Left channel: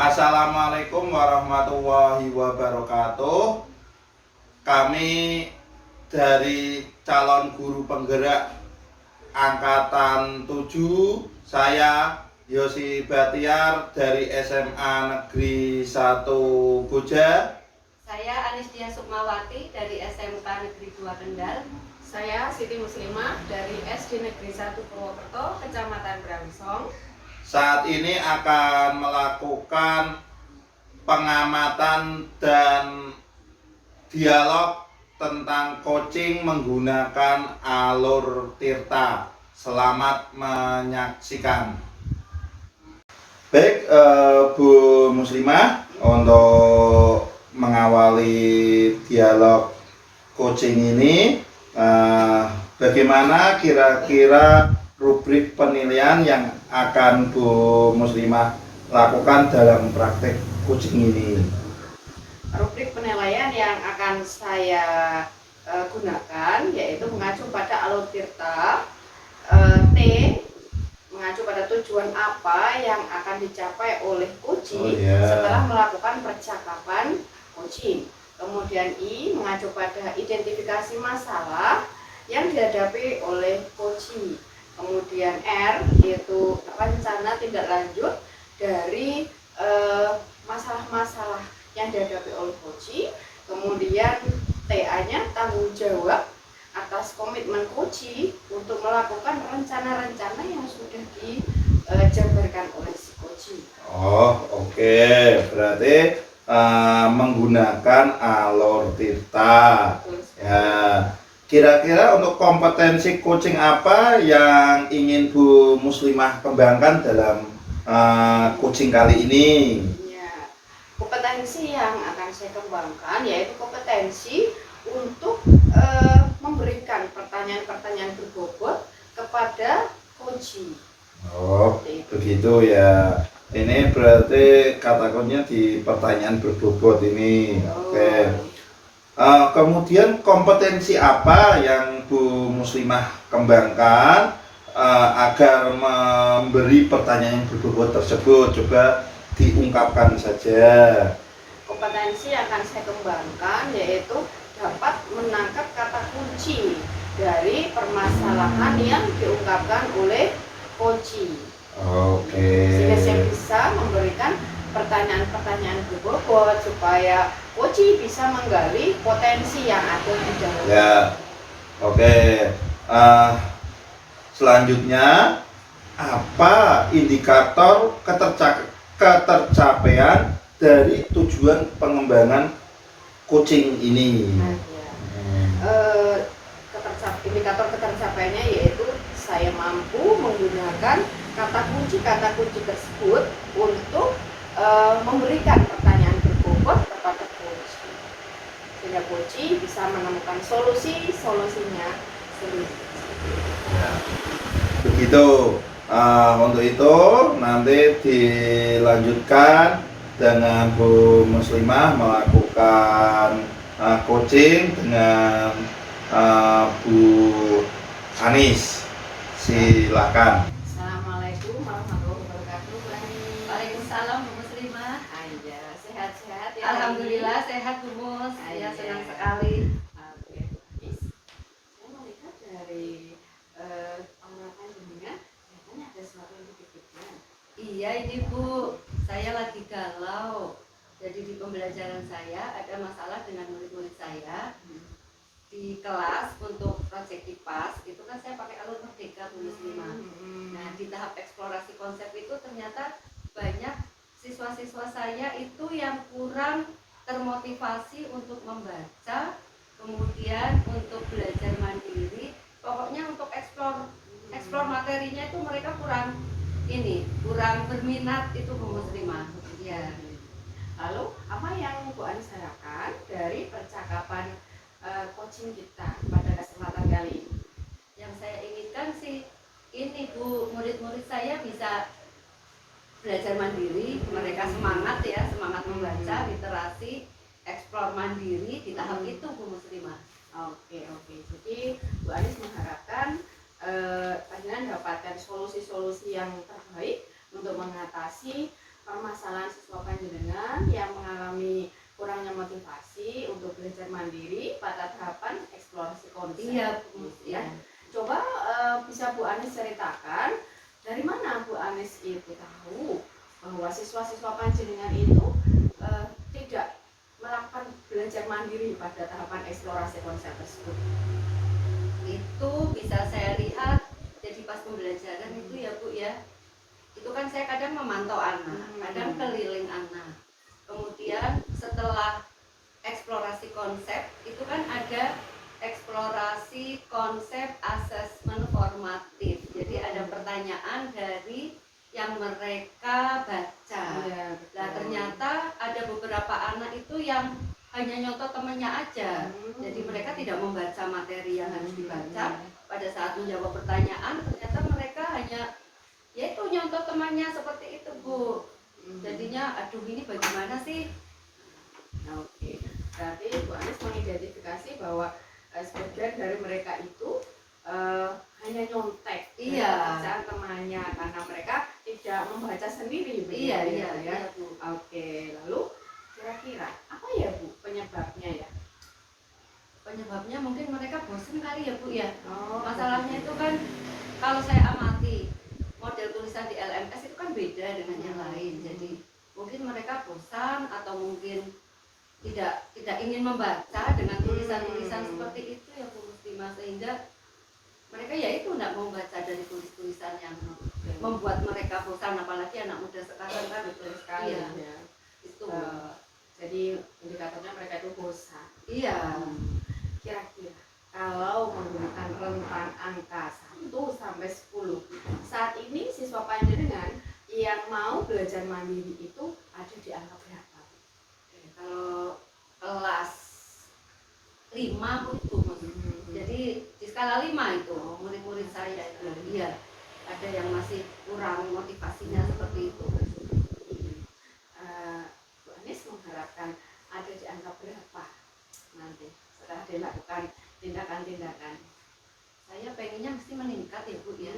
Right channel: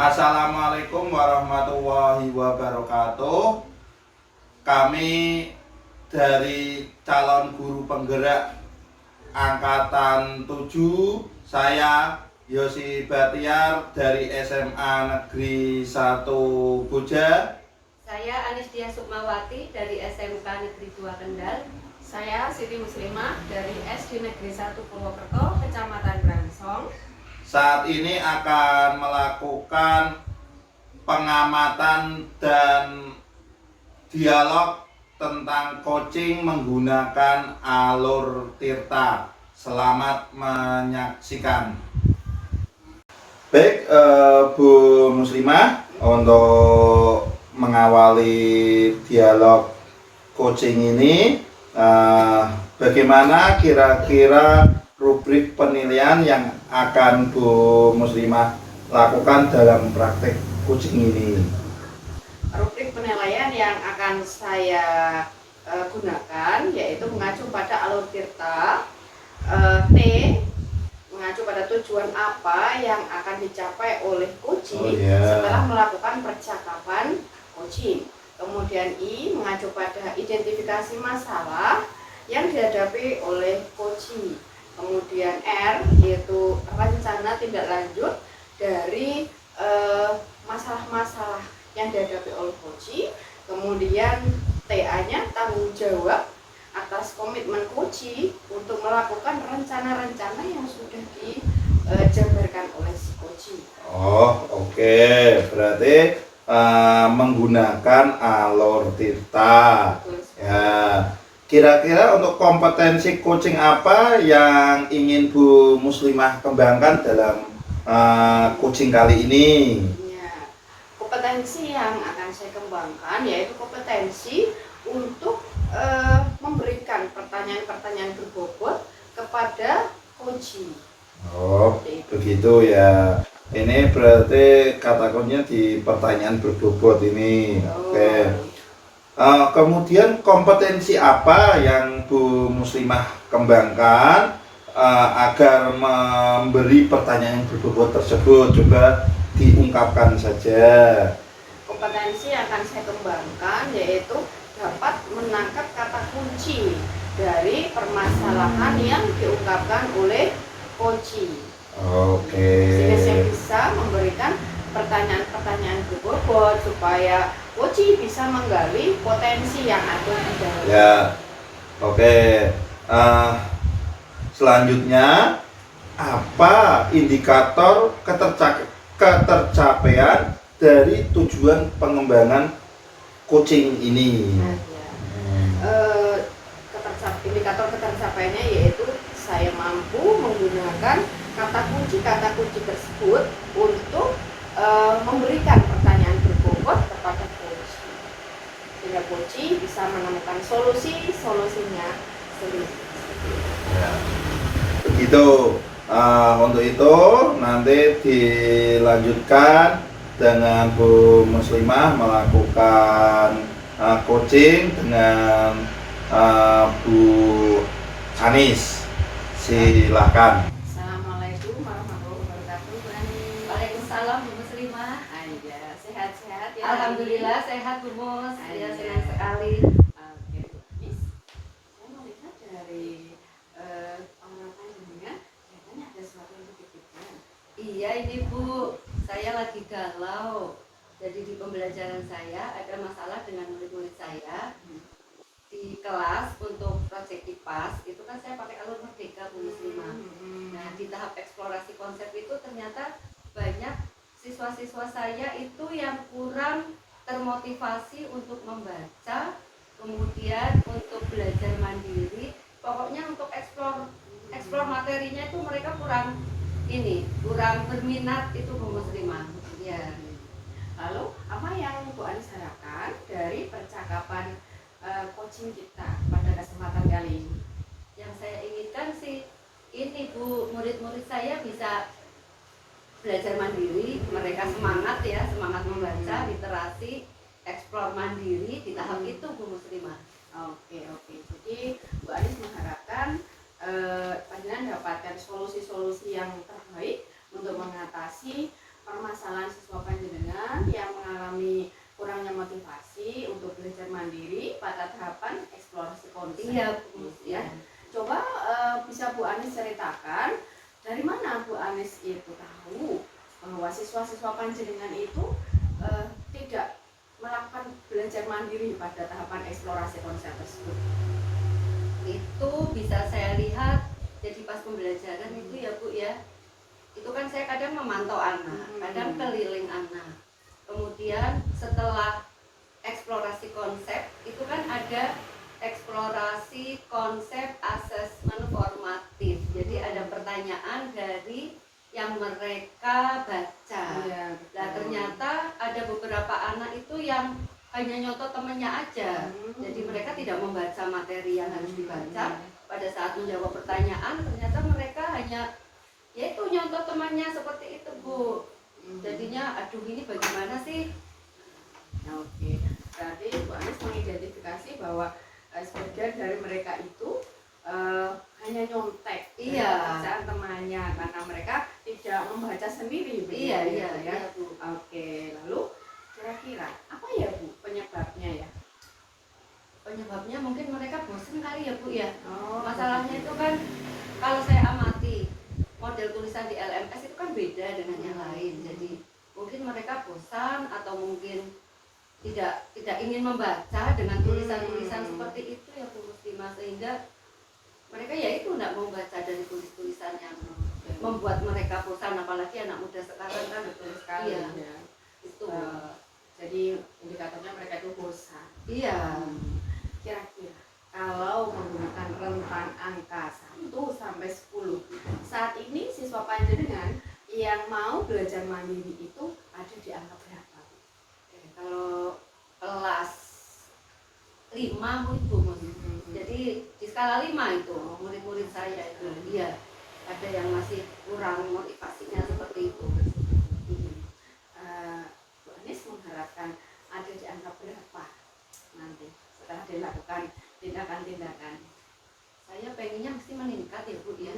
Assalamualaikum warahmatullahi wabarakatuh. Kami dari calon guru penggerak angkatan 7, saya Yosi Batiar dari SMA Negeri 1 Boja. Saya Anistia Sukmawati dari SMK Negeri 2 Kendal. Saya Siti Muslimah dari SD Negeri 1 Purwokerto, Kecamatan Brangsong. Saat ini akan melakukan pengamatan dan dialog tentang coaching menggunakan alur tirta. Selamat menyaksikan. Baik, Bu Muslimah, untuk mengawali dialog coaching ini, bagaimana kira-kira rubrik penilaian yang akan Bu Muslimah lakukan dalam praktek coaching ini? Rubrik penilaian yang akan saya gunakan yaitu mengacu pada alur tirta. T, mengacu pada tujuan apa yang akan dicapai oleh coaching setelah melakukan percakapan coaching. Kemudian I, mengacu pada identifikasi masalah yang dihadapi oleh coaching. Kemudian R, yaitu rencana tindak lanjut dari masalah-masalah yang dihadapi oleh coaching. Kemudian TA-nya tanggung jawab atas komitmen coaching untuk melakukan rencana-rencana yang sudah dijabarkan oleh si coaching. Oh, oke. Berarti menggunakan alur tirta. Ya. Kira-kira untuk kompetensi coaching apa yang ingin Bu Muslimah kembangkan dalam coaching kali ini? Ya, kompetensi yang akan saya kembangkan yaitu kompetensi untuk memberikan pertanyaan-pertanyaan berbobot kepada coaching. Oh, begitu ya. Ini berarti kata kuncinya di pertanyaan berbobot ini. Oke. Kemudian kompetensi apa yang Bu Muslimah kembangkan agar memberi pertanyaan yang berbobot tersebut? Coba diungkapkan saja. Kompetensi yang akan saya kembangkan yaitu dapat menangkap kata kunci dari permasalahan yang diungkapkan oleh coaching. Oke. Sehingga saya bisa memberikan pertanyaan-pertanyaan berbobot supaya coaching bisa menggali potensi yang ada di dalam. Ya, oke. Selanjutnya, apa indikator ketercapaian dari tujuan pengembangan coaching ini? Indikator ketercapaiannya yaitu saya mampu menggunakan kata kunci tersebut untuk memberikan pertanyaan berbobot kepada coaching, sehingga coaching bisa menemukan solusinya sendiri. Ya. Begitu. Untuk itu nanti dilanjutkan dengan Bu Muslimah melakukan coaching dengan Bu Anis. Silakan. Assalamualaikum warahmatullahi wabarakatuh. Waalaikumsalam Bu Muslimah. Aja sehat-sehat ya. Alhamdulillah sehat Bu Mus. Ya, senang sekali. Oke, Miss. Saya melihat dari pengamatan jenengan, kelihatannya ada sesuatu yang dipikirkan. Iya ini Bu, saya lagi galau. Jadi di pembelajaran saya ada masalah dengan murid-murid saya. Di kelas untuk proyek IPAS itu kan saya pakai alur merdeka Bu Muslimah. Nah di tahap eksplorasi konsep itu ternyata banyak siswa-siswa saya itu yang kurang termotivasi untuk membaca, kemudian untuk belajar mandiri. Pokoknya untuk eksplor materinya itu mereka kurang berminat itu Bu Muslimah. Ya. Lalu apa yang Bu Anis harapkan dari percakapan coaching kita pada kesempatan kali ini? Yang saya inginkan sih ini Bu, murid-murid saya bisa belajar mandiri, mereka semangat membaca, literasi, eksplor mandiri di tahap itu Bu Muslimah. Oke. Jadi Bu Anis mengharapkan panjenengan dapatkan solusi-solusi yang terbaik untuk mengatasi permasalahan siswa panjenengan yang mengalami kurangnya motivasi untuk belajar mandiri pada tahapan eksplorasi konsep. Iya, Bu. Ya. Coba bisa Bu Anis ceritakan dari mana Bu Anis itu tahu bahwa siswa-siswa panjenengan itu tidak melakukan belajar mandiri pada tahapan eksplorasi konsep tersebut. Itu bisa saya lihat jadi pas pembelajaran itu ya Bu ya, itu kan saya kadang memantau anak, kadang keliling anak, kemudian setelah eksplorasi konsep itu kan ada eksplorasi konsep asesmen formatif, jadi ada pertanyaan dari yang mereka baca. Nah ternyata ada beberapa anak itu yang hanya nyontoh temannya aja, jadi mereka tidak membaca materi yang harus dibaca. Pada saat menjawab pertanyaan ternyata mereka hanya yaitu nyontoh temannya seperti itu Bu. Jadinya aduh ini bagaimana sih? Oke, berarti Bu Anis mengidentifikasi bahwa sebagian dari mereka itu hanya nyontek bacaan temannya karena mereka tidak membaca sendiri. Iya Bu. Oke, lalu kira-kira apa ya Bu penyebabnya ya? Penyebabnya mungkin mereka bosan kali ya Bu ya. Oh, Masalahnya itu kan kalau saya amati model tulisan di LMS itu kan beda dengan yang lain. Jadi mungkin mereka bosan atau mungkin tidak ingin membaca dengan tulisan-tulisan seperti itu ya Bu Muslimah, sehingga mereka ya itu tidak mau baca dari tulis-tulisan yang membuat mereka bosan, apalagi anak muda sekarang kan. Betul sekali Iya. ya. Itu Jadi indikatornya mereka itu bosan. iya. Kira-kira kalau menggunakan rentang angka 1 sampai 10, saat ini siswa panjenengan yang mau belajar mandiri itu ada di angka berapa? Kalau kelas 5 Bu itu jadi di skala 5 itu murid-murid saya itu iya ada yang masih kurang motivasinya seperti itu. Bu Anis mengharapkan ada di angka berapa nanti setelah dilakukan tindakan-tindakan? Saya pengennya mesti meningkat ya Bu ya,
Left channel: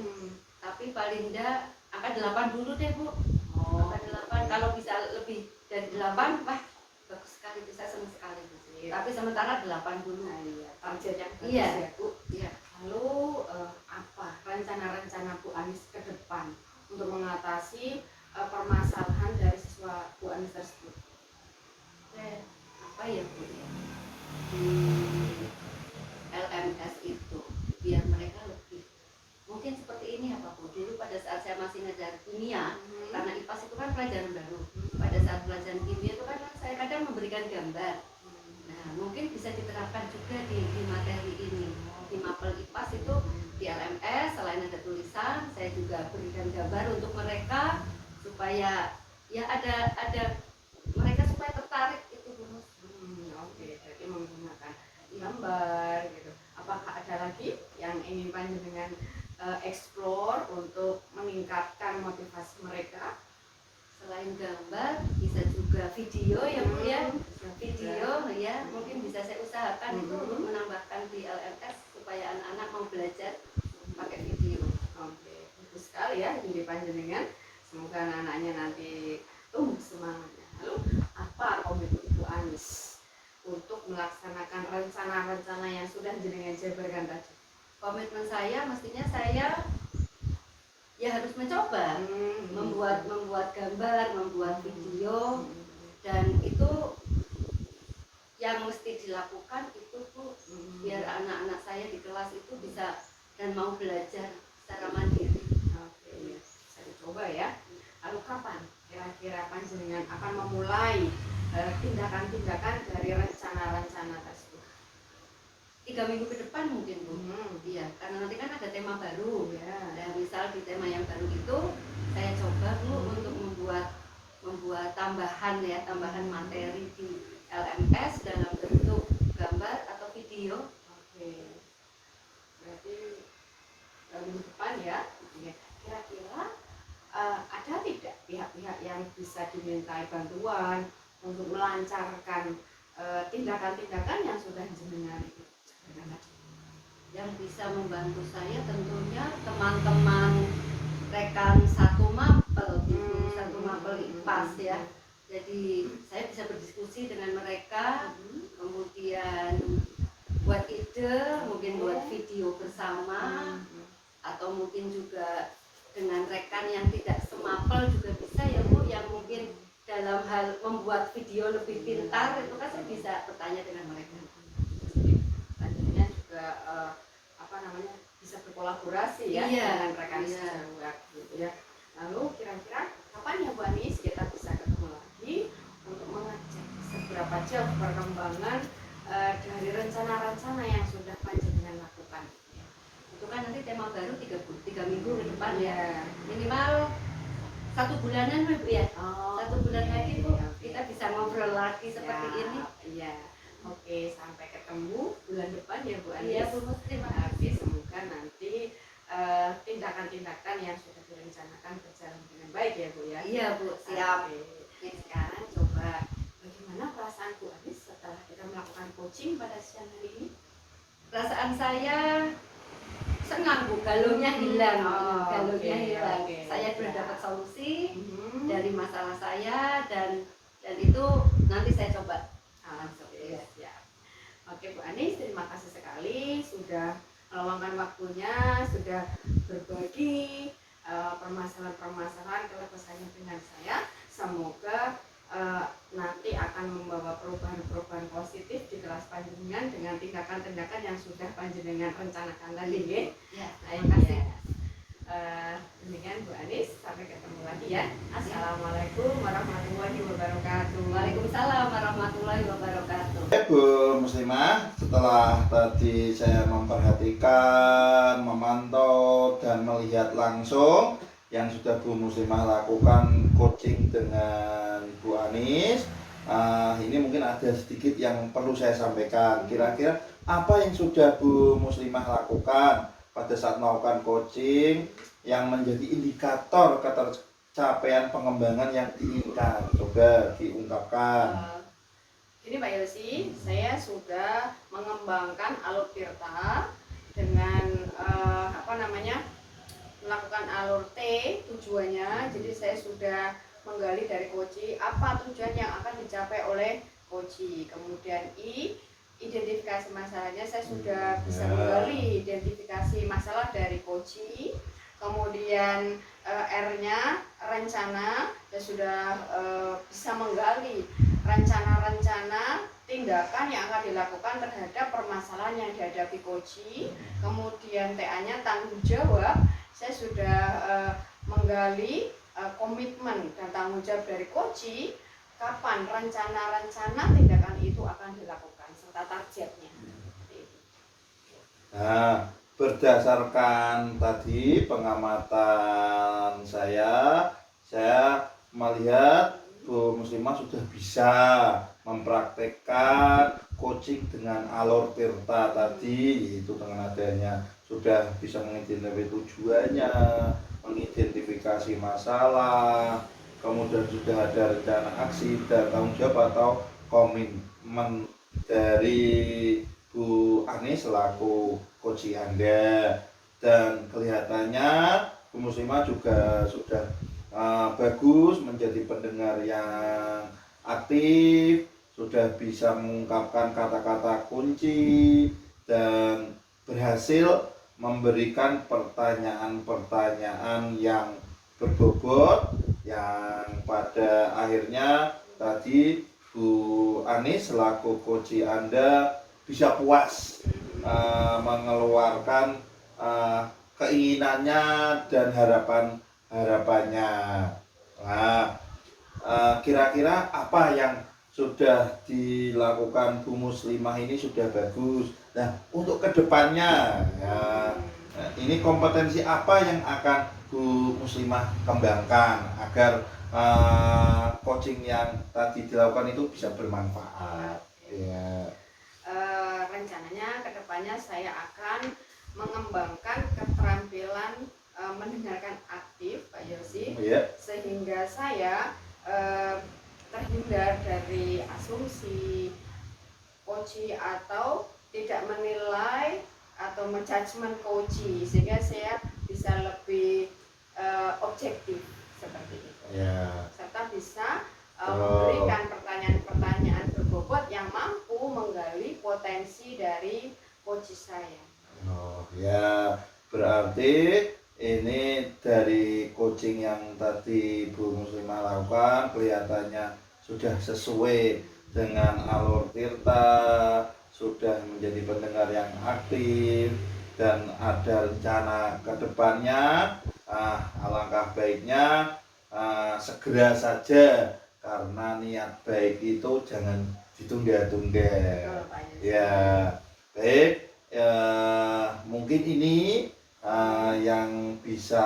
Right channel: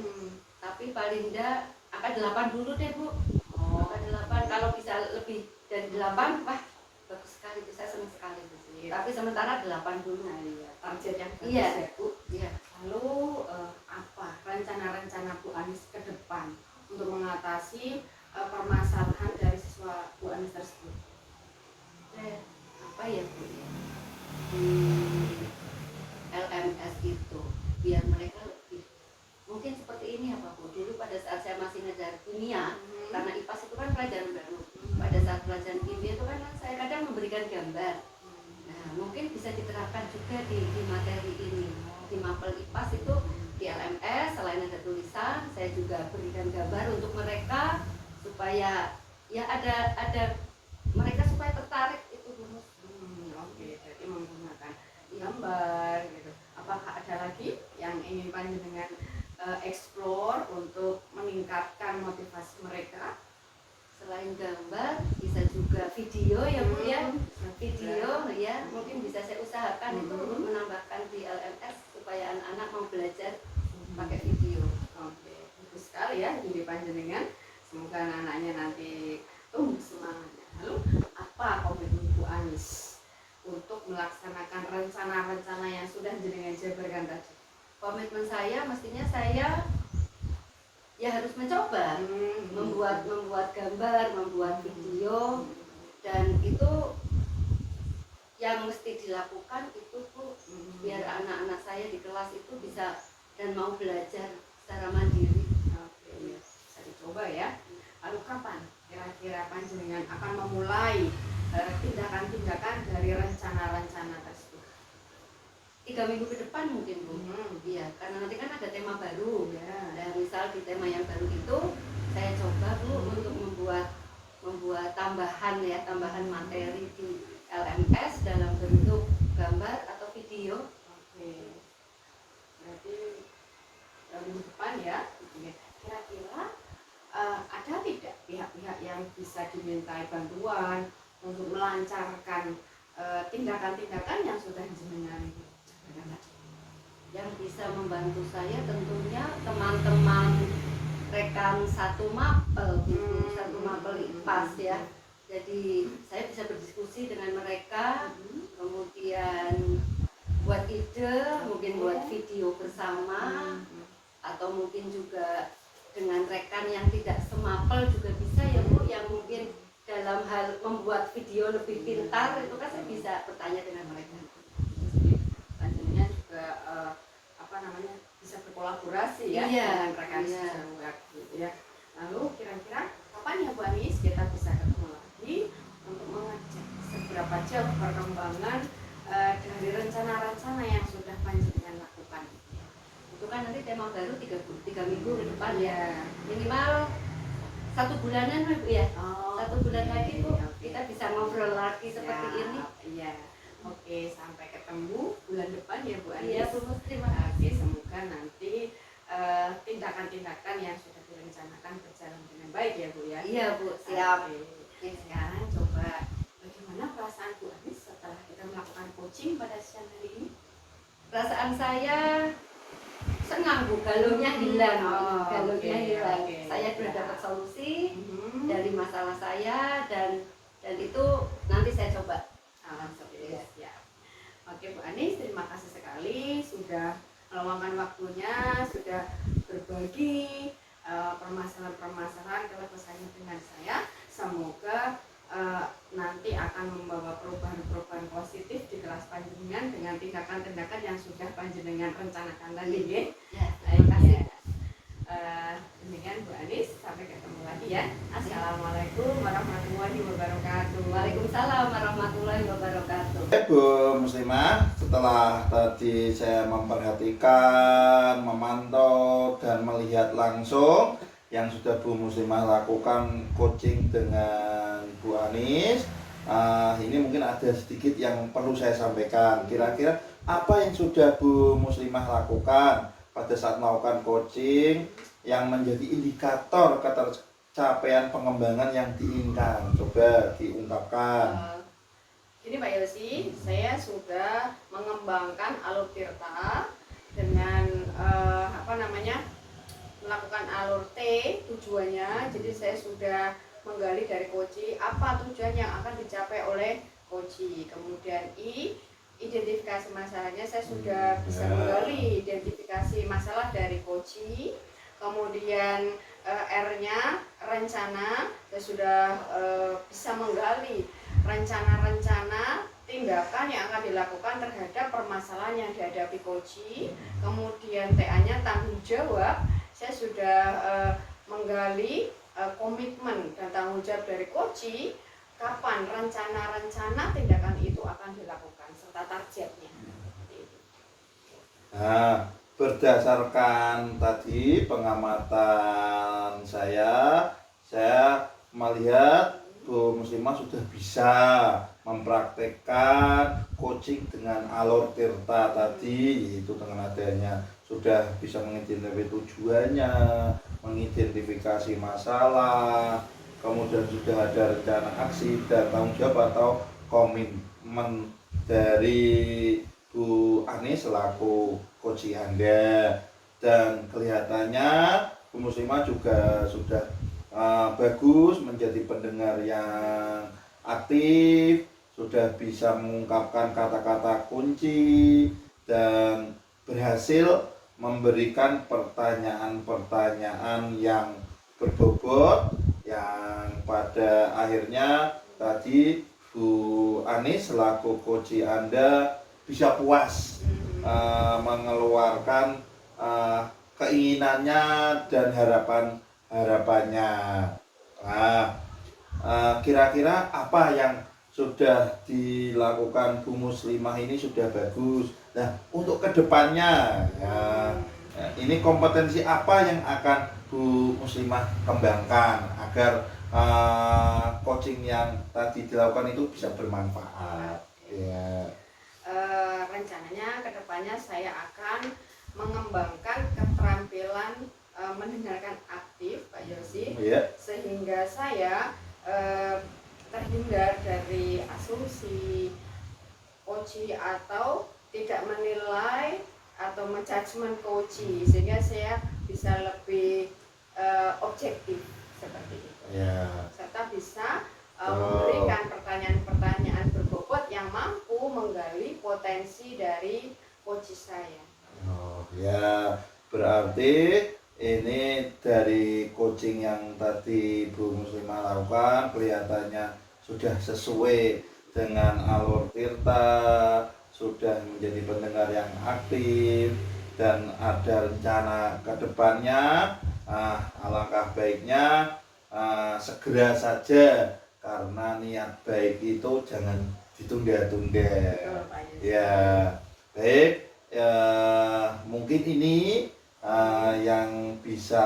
tapi paling enggak angka 8 dulu deh Bu. Angka 8 kalau bisa lebih dari 8 wah bagus sekali itu, saya senang sekali Bu. Tapi sementara 8 dulu. Target yang bagus Iya. ya Bu. Iya. Lalu apa rencana-rencana Bu Anis ke depan untuk mengatasi permasalahan dari siswa Bu Anis tersebut? Apa ya Bu ya? LMS itu biar mereka lebih mungkin seperti ini ya Pak Bu. Dulu pada saat saya masih ngajar kimia, karena IPAS itu kan pelajaran baru. Pada saat pelajaran kimia itu kan saya kadang memberikan gambar. Nah, mungkin bisa diterapkan juga di materi ini. Di mapel IPAS itu di LMS selain ada tulisan, saya juga berikan gambar untuk mereka supaya ya ada mereka supaya tertarik itu Bu. Oke, jadi menggunakan gambar gitu. Apakah ada lagi yang ingin panjenengan explore untuk meningkatkan motivasi mereka? Selain gambar bisa juga video ya Bu ya. Video ya mungkin bisa saya usahakan itu untuk menambahkan di LMS supaya anak-anak mau belajar pakai video. Oke, bagus sekali ya ide panjenengan. Semoga anak-anaknya nanti tumbuh semangatnya. Lalu apa komitmen Bu Anis untuk melaksanakan rencana-rencana yang sudah jenengan jabarkan tadi? Komitmen saya mestinya saya ya harus mencoba membuat gambar, membuat video, dan itu yang mesti dilakukan itu Bu biar anak-anak saya di kelas itu bisa dan mau belajar secara mandiri. Oke, ya. Bisa dicoba ya. Lalu kapan kira-kira panjenengan akan memulai tindakan-tindakan dari rencana-rencana tersebut? 3 minggu ke depan mungkin Bu. Iya, karena nanti kan ada tema baru. Dan misal di tema yang baru itu saya coba Bu untuk membuat tambahan materi di LMS dalam bentuk gambar atau video. Oke. Berarti minggu depan ya. Kira-kira ada tidak pihak-pihak yang bisa dimintai bantuan untuk melancarkan tindakan-tindakan yang sudah jenengan Yang bisa membantu saya tentunya teman-teman rekan satu mapel gitu. Satu mapel melalui IPAS ya. Jadi saya bisa berdiskusi dengan mereka, kemudian buat ide, mungkin buat video bersama, atau mungkin juga dengan rekan yang tidak semapel juga bisa ya Bu, yang mungkin dalam hal membuat video lebih pintar itu kan saya bisa bertanya dengan mereka. Selanjutnya juga apa namanya, bisa berkolaborasi ya dengan rekan sejawat gitu ya. Lalu kira-kira kapan ya Bu Anis kita bisa ketemu lagi untuk mengecek seberapa jauh perkembangan dari rencana-rencana yang sudah panjenengan lakukan? Itu kan nanti tema baru 3 minggu ke depan ya, minimal 1 bulanan Bu ya. 1 bulan lagi Bu, kita bisa ngobrol lagi seperti ini. Iya. Oke, sampai ketemu bulan depan ya Bu Anis. Iya Bu, terima kasih. Oke, semoga nanti tindakan-tindakan yang sudah direncanakan berjalan dengan baik ya Bu ya. Iya Bu, siap. Oke, sekarang coba bagaimana perasaan Bu Anis setelah kita melakukan coaching pada siang hari ini? Perasaan saya senang Bu, galaunya hilang. Galaunya hilang. Saya sudah dapat solusi dari masalah saya, dan itu nanti saya coba. Alhamdulillah ya. Oke Bu Anis, terima kasih sekali sudah meluangkan waktunya, sudah berbagi permasalahan-permasalahan keluh kesahnya dengan saya. Semoga nanti akan membawa perubahan-perubahan positif di kelas panjenengan dengan tindakan-tindakan yang sudah panjenengan rencanakan tadi ya. Terima kasih. Demikian Bu Anis, sampai ketemu lagi ya. Assalamualaikum warahmatullahi wabarakatuh. Waalaikumsalam warahmatullahi wabarakatuh. Bu Muslimah, setelah tadi saya memperhatikan, memantau dan melihat langsung yang sudah Bu Muslimah lakukan coaching dengan Bu Anis, ini mungkin ada sedikit yang perlu saya sampaikan. Kira-kira apa yang sudah Bu Muslimah lakukan pada saat melakukan coaching yang menjadi indikator ketercapaian pengembangan yang diinginkan? Coba diungkapkan. Ini Pak Yosi, saya sudah mengembangkan alur tirta dengan melakukan alur T tujuannya. Jadi saya sudah menggali dari Koji apa tujuan yang akan dicapai oleh Koji. Kemudian I, identifikasi masalahnya, saya sudah bisa menggali identifikasi masalah dari Koji. Kemudian R-nya rencana, saya sudah bisa menggali rencana-rencana tindakan yang akan dilakukan terhadap permasalahan yang dihadapi Koji. Kemudian TA-nya tanggung jawab, saya sudah menggali komitmen dan tanggung jawab dari Koji, kapan rencana-rencana tindakan itu akan dilakukan serta targetnya. Nah, berdasarkan tadi pengamatan saya melihat Bu Muslimah sudah bisa mempraktekkan coaching dengan alur tirta tadi, itu dengan adanya sudah bisa mengidentifikasi tujuannya, mengidentifikasi masalah, kemudian sudah ada rencana aksi dan tanggung jawab atau komitmen dari Bu Anis selaku coach Anda, dan kelihatannya Bu Muslimah juga sudah bagus menjadi pendengar yang aktif, sudah bisa mengungkapkan kata-kata kunci dan berhasil memberikan pertanyaan-pertanyaan yang berbobot yang pada akhirnya tadi Bu Anis selaku coach Anda bisa puas mengeluarkan keinginannya dan harapannya. Nah, kira-kira apa yang sudah dilakukan Bu Muslimah ini sudah bagus. Nah, untuk kedepannya, ya, ini kompetensi apa yang akan Bu Muslimah kembangkan agar coaching yang tadi dilakukan itu bisa bermanfaat? Ya. Rencananya kedepannya saya akan mengembangkan keterampilan mendengarkan aktif Pak Yosi, sehingga saya terhindar dari asumsi coach atau tidak menilai atau menjudgment coach, sehingga saya bisa lebih objektif seperti itu. Serta Berarti ini dari coaching yang tadi Bu Muslimah lakukan kelihatannya sudah sesuai dengan alur tirta, sudah menjadi pendengar yang aktif dan ada rencana ke depannya. Alangkah baiknya segera saja, karena niat baik itu jangan ditunda-tunda. Betul, Pak Yus. Ya, baik. Mungkin ini yang bisa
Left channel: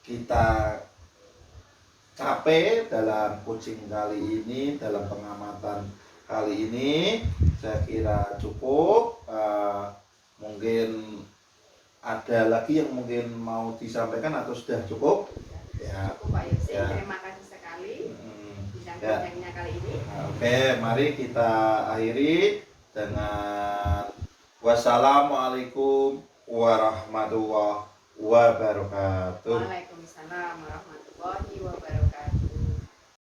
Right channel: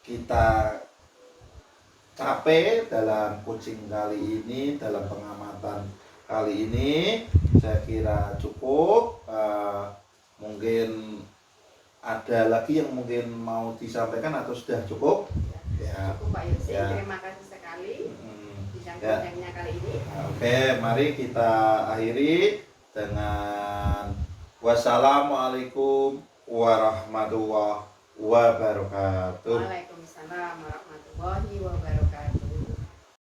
kita capai dalam coaching kali ini, dalam pengamatan kali ini. Saya kira cukup. Mungkin ada lagi yang mungkin mau disampaikan atau sudah cukup? Ya. Cukup, Pak Yus. Ya. Terima kasih sekali Ya. bincang-bincangnya kali ini. Oke, mari kita akhiri dengan wassalamualaikum warahmatullahi wabarakatuh. Waalaikumsalam warahmatullahi wabarakatuh.